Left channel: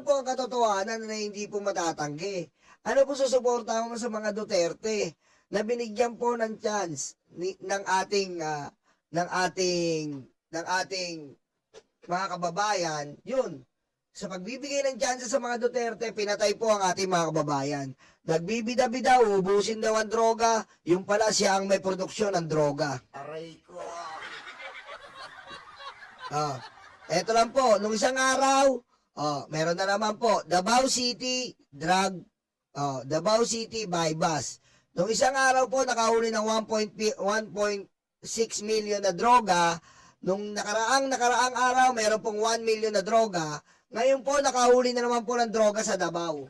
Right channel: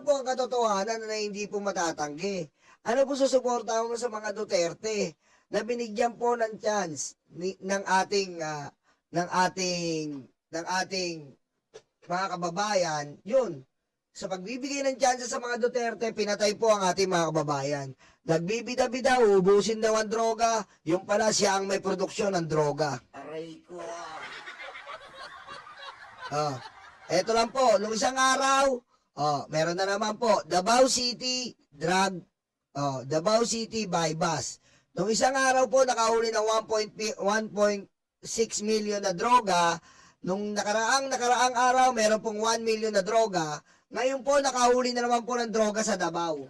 naman po ang katotohanan na hindi po matatanggi. Ano po susuportahan mo sa mga Duterte na binigyan po ng chance ng ating mga kababayan, yun. Sa pagbibigay ng chance sa mga Duterte, pinatay po ang ating mga kababayan. Nagbibida-bida, ubusin daw ang droga, yung pala siya ang may produksyon ng droga. Aray ko. Eto lang po, nung isang araw, meron na naman po, Davao City Davao City by bus. Nung isang araw po, nakahuli ng 1.6 million na droga. Nung nakaraang araw, meron pong 1 million na droga. Ngayon po, nakahuli na naman po ng droga sa Davao.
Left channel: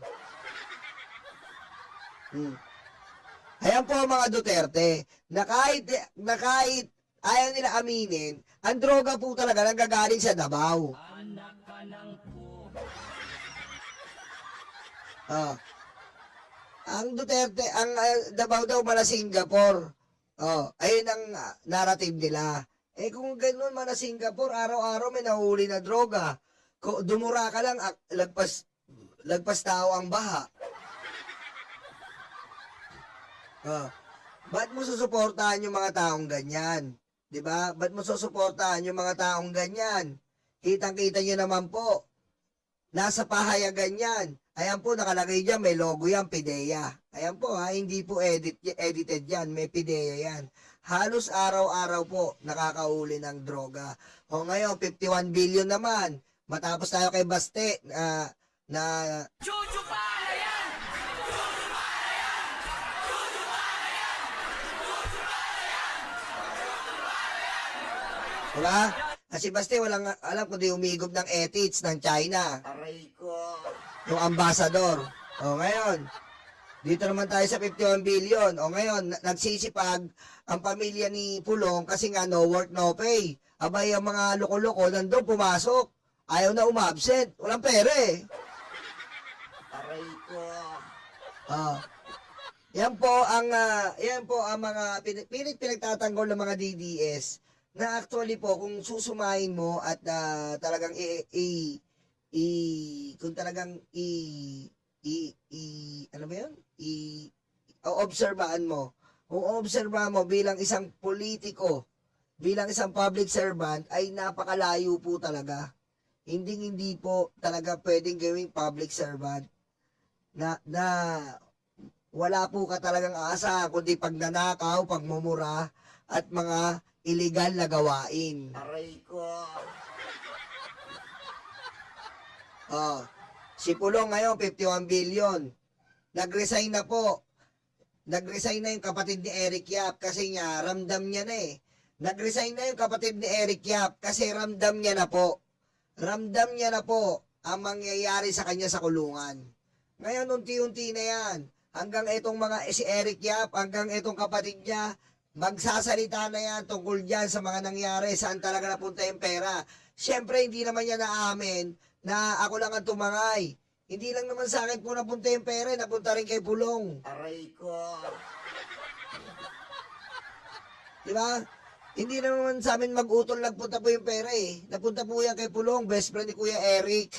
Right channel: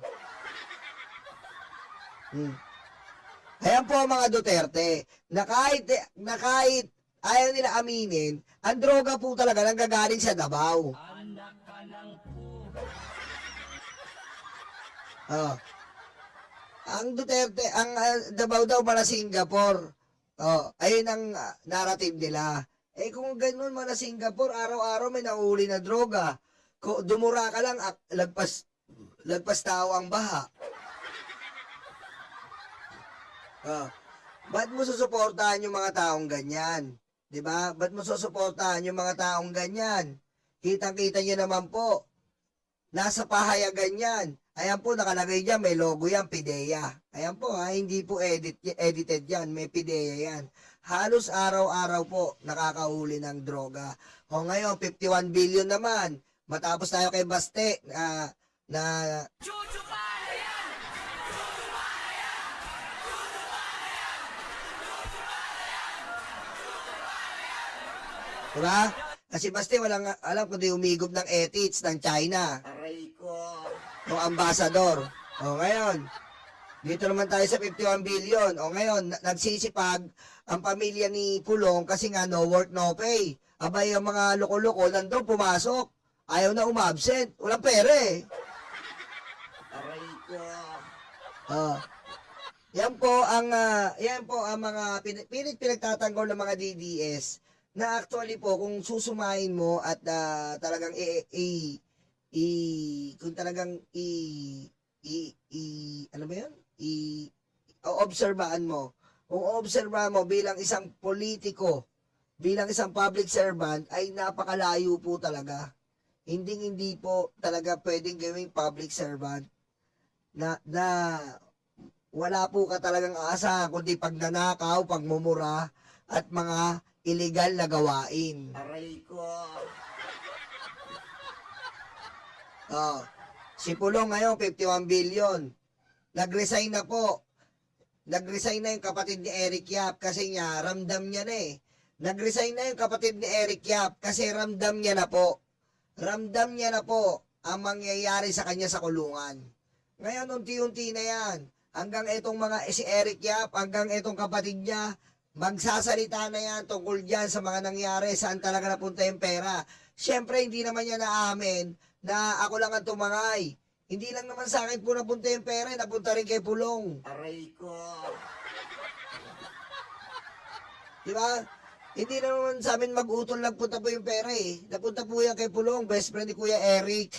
Ayan po mga Duterte, na kahit ayaw nila aminin, ang droga po talaga nanggagaling sa Davao. Ang Duterte, ang Davao daw para Singapore. Ayun ang narrative nila. Kung ganoon man na Singapore, araw-araw may nahuli na droga. Kung dumura ka lang, lagpas tao ang baha. Ba't mo susuportahan yung mga taong ganyan? Diba? Ba't mo susuportahan yung mga taong ganyan? Kitang-kita nyo naman po. Nasa pahayagan yan. Ayan po, nakalagay dyan, may logo yan, PIDEA. Ayan po, hindi po edited yan, may PIDEA yan. Halos araw-araw po, nakakahuli ng droga. O ngayon, 51 billion naman. Matapos tayo kay Baste, diba? Kasi Baste, walang alam kundi umigop ng ethics ng China. Aray ko. Yung ambassador. O ngayon, dito naman tayo sa 51 billion. O ngayon, nagsisipag ang pamilya ni Pulong kasi nga no work, no pay. Abay, ang mga loko-loko nandun pumasok. Ayaw na umabsent. Walang pera eh. Aray ko. Yan po ang mga pinagtatanggol ng mga DDS na actually po kung susumahin mo at talagang kung talagang ano ba yan? Obserbahan mo. Kung obserbahan mo bilang isang politiko, bilang isang public servant, ay napakalayo po talaga. Hindi po talaga pwedeng gawing public servant na wala po ka talagang asa kundi pagnanakaw, pagmumura at mga illegal na gawain. Aray ko. Si Pulong ngayon 51 billion. Nag-resign na po. Nag-resign na yung kapatid ni Eric Yap kasi nga ramdam niya na eh. Nag-resign na yung kapatid ni Eric Yap kasi ramdam niya na po. Ramdam niya na po ang mangyayari sa kanya sa kulungan. Ngayon unti-unti na yan. Hanggang itong si Eric Yap, hanggang itong kapatid niya, magsasalita na yan tungkol dyan sa mga nangyari, saan talaga napunta yung pera. Siyempre, hindi naman niya naamin na ako lang ang tumangay. Hindi lang naman sa akin po napunta yung pera, napunta rin kay Pulong. Aray ko. Diba? Hindi naman sa amin mag-utol lang punta po yung pera eh. Napunta po yan kay Pulong, best friend ni Kuya Eric.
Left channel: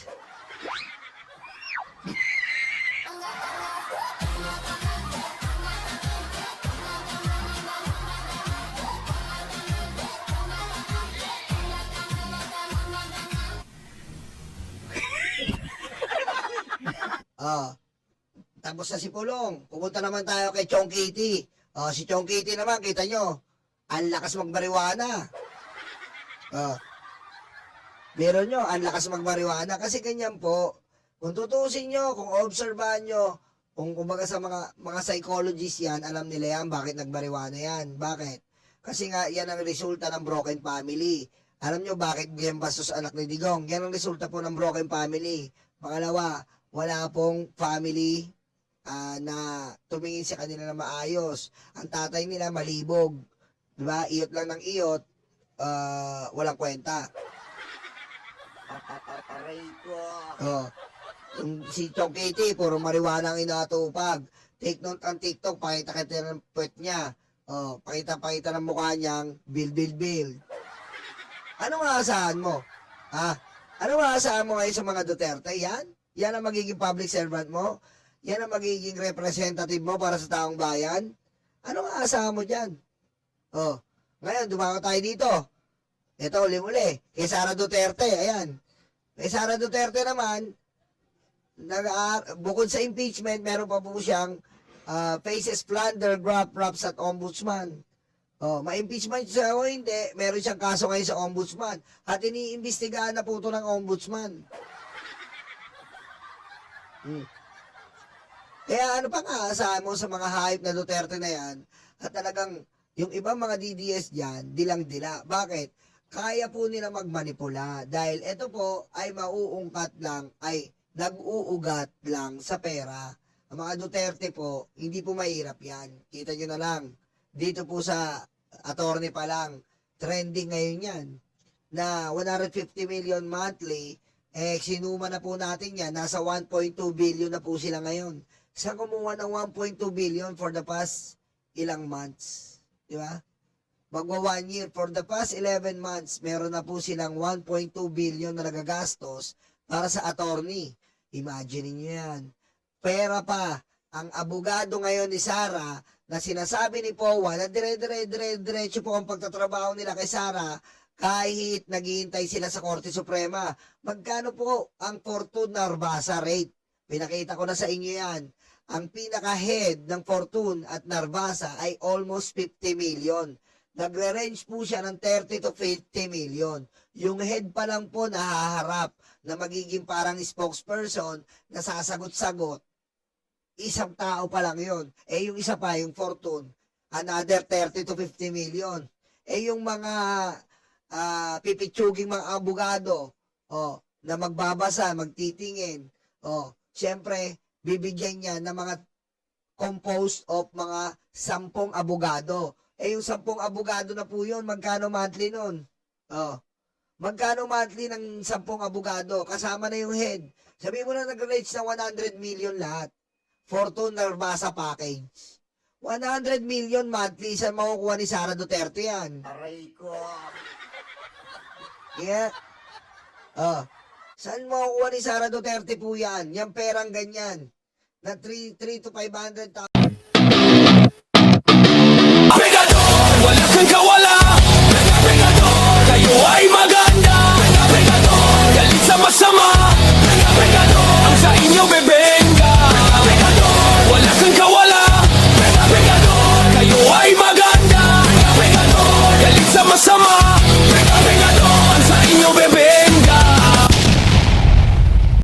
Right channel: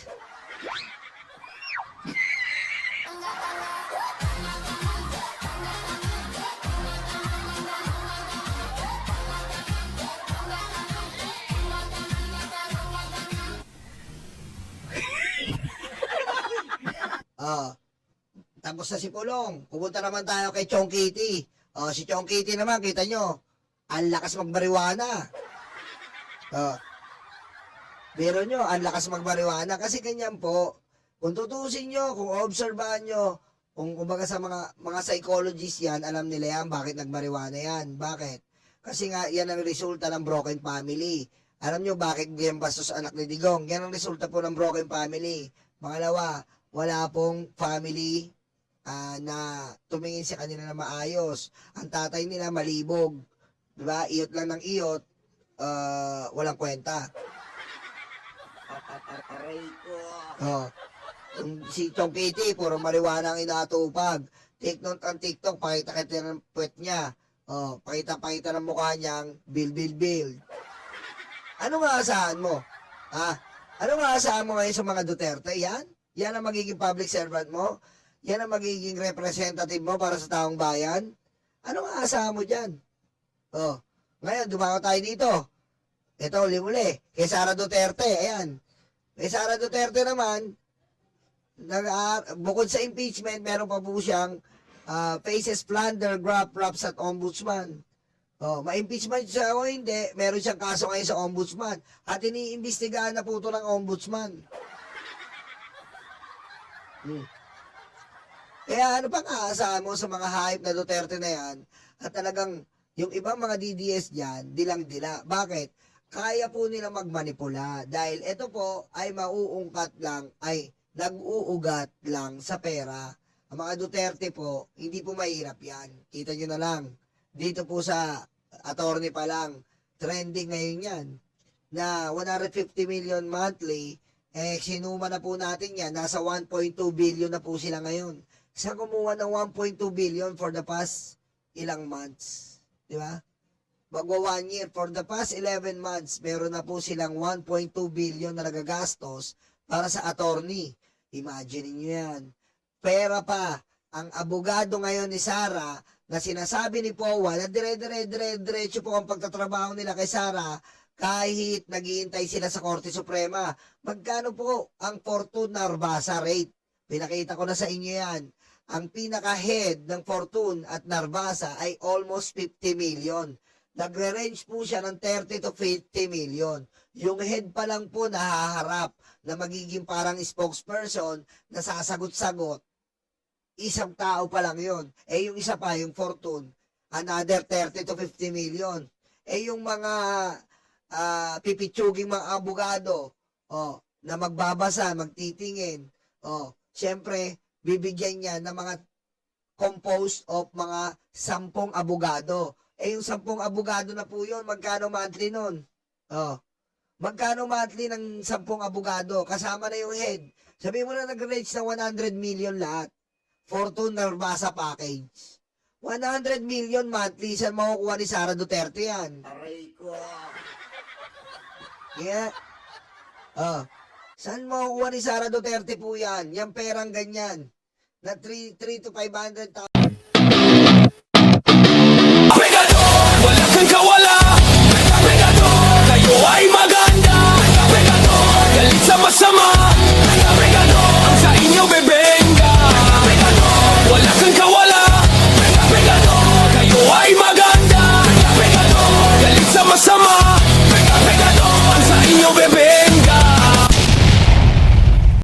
Tapos na si Pulong. Pupunta naman tayo kay Chong Kitty. Si Chong Kitty naman, kita nyo, ang lakas magmariwana. Meron nyo, ang lakas magmariwana. Kasi ganyan po, kung tutusin nyo, kung obserbahan nyo, kung kumbaga sa mga psychologists yan, alam nila yan, bakit nagmariwana yan. Bakit? Kasi nga, yan ang resulta ng broken family. Alam nyo bakit ganyan bastos anak ni Digong? Yan ang resulta po ng broken family. Pangalawa, wala pong family na tumingin sa kanila na maayos. Ang tatay nila malibog. Diba? Iyot lang ng iyot, walang kwenta. Aray ko. Si Chong Kitty, puro mariwana ang inatupag. Take note ang TikTok, pakita-kita ng puwet niya. Pakita-pakita ng mukha niyang bil. Ano nga asahan mo? Ano nga asahan mo ngayon sa mga Duterte? Yan? Yan ang magiging public servant mo? Yan ang magiging representative mo para sa taong bayan? Ano nga asahan mo dyan? Oh, ngayon, dumako tayo dito. Ito, uli-uli. Kay Sara Duterte, ayan. Kay Sara Duterte naman, bukod sa impeachment, meron pa po siyang faces plunder, graft raps at ombudsman. Oh, ma-impeachment siya o hindi, meron siyang kaso ngayon sa ombudsman. At iniimbestigahan na po ito ng ombudsman. Kaya ano pang aasahan mo sa mga hype na Duterte na yan? At talagang yung ibang mga DDS dyan, dilang-dila. Bakit? Kaya po nila magmanipula. Dahil ito po ay mauungkat lang, ay nag-uugat lang sa pera. Ang mga Duterte po, hindi po mahirap yan. Kita nyo na lang. Dito po sa attorney pa lang, trending ngayon yan. Na 150 million monthly, sinuma na po natin yan. Nasa 1.2 billion na po sila ngayon. Saan kumuha ng 1.2 billion for the past ilang months? Di ba? Magwa 1 year. For the past 11 months, meron na po silang 1.2 billion na nagagastos para sa attorney. Imagine niyo yan. Pera pa. Ang abogado ngayon ni Sara, na sinasabi ni Powa na dire-diretso po ang pagtatrabaho nila kay Sara, kahit naghihintay sila sa Korte Suprema. Magkano po ang Fortune Narvasa rate? Pinakita ko na sa inyo yan. Ang pinaka-head ng Fortune at Narvasa ay almost 50 million. Nagre-range po siya ng 30 to 50 million. Yung head pa lang po nahaharap na magiging parang spokesperson na sasagot-sagot. Isang tao pa lang yun. Yung isa pa, yung Fortune, another 30 to 50 million. Yung mga pipitsuging mga abogado, na magbabasa, magtitingin, siyempre, bibigyan niya ng mga composed of mga 10 abogado. Yung 10 abogado na po yun, magkano monthly nun? Magkano monthly ng 10 abogado? Kasama na yung head. Sabihin mo na nag-range ng 100 million lahat. Fortune Narvasa package. 100 million monthly, saan makukuha ni Sara Duterte yan? Aray ko. Yeah. Saan makukuha ni Sara Duterte po yan? Yung perang ganyan. Na 3 to 500,000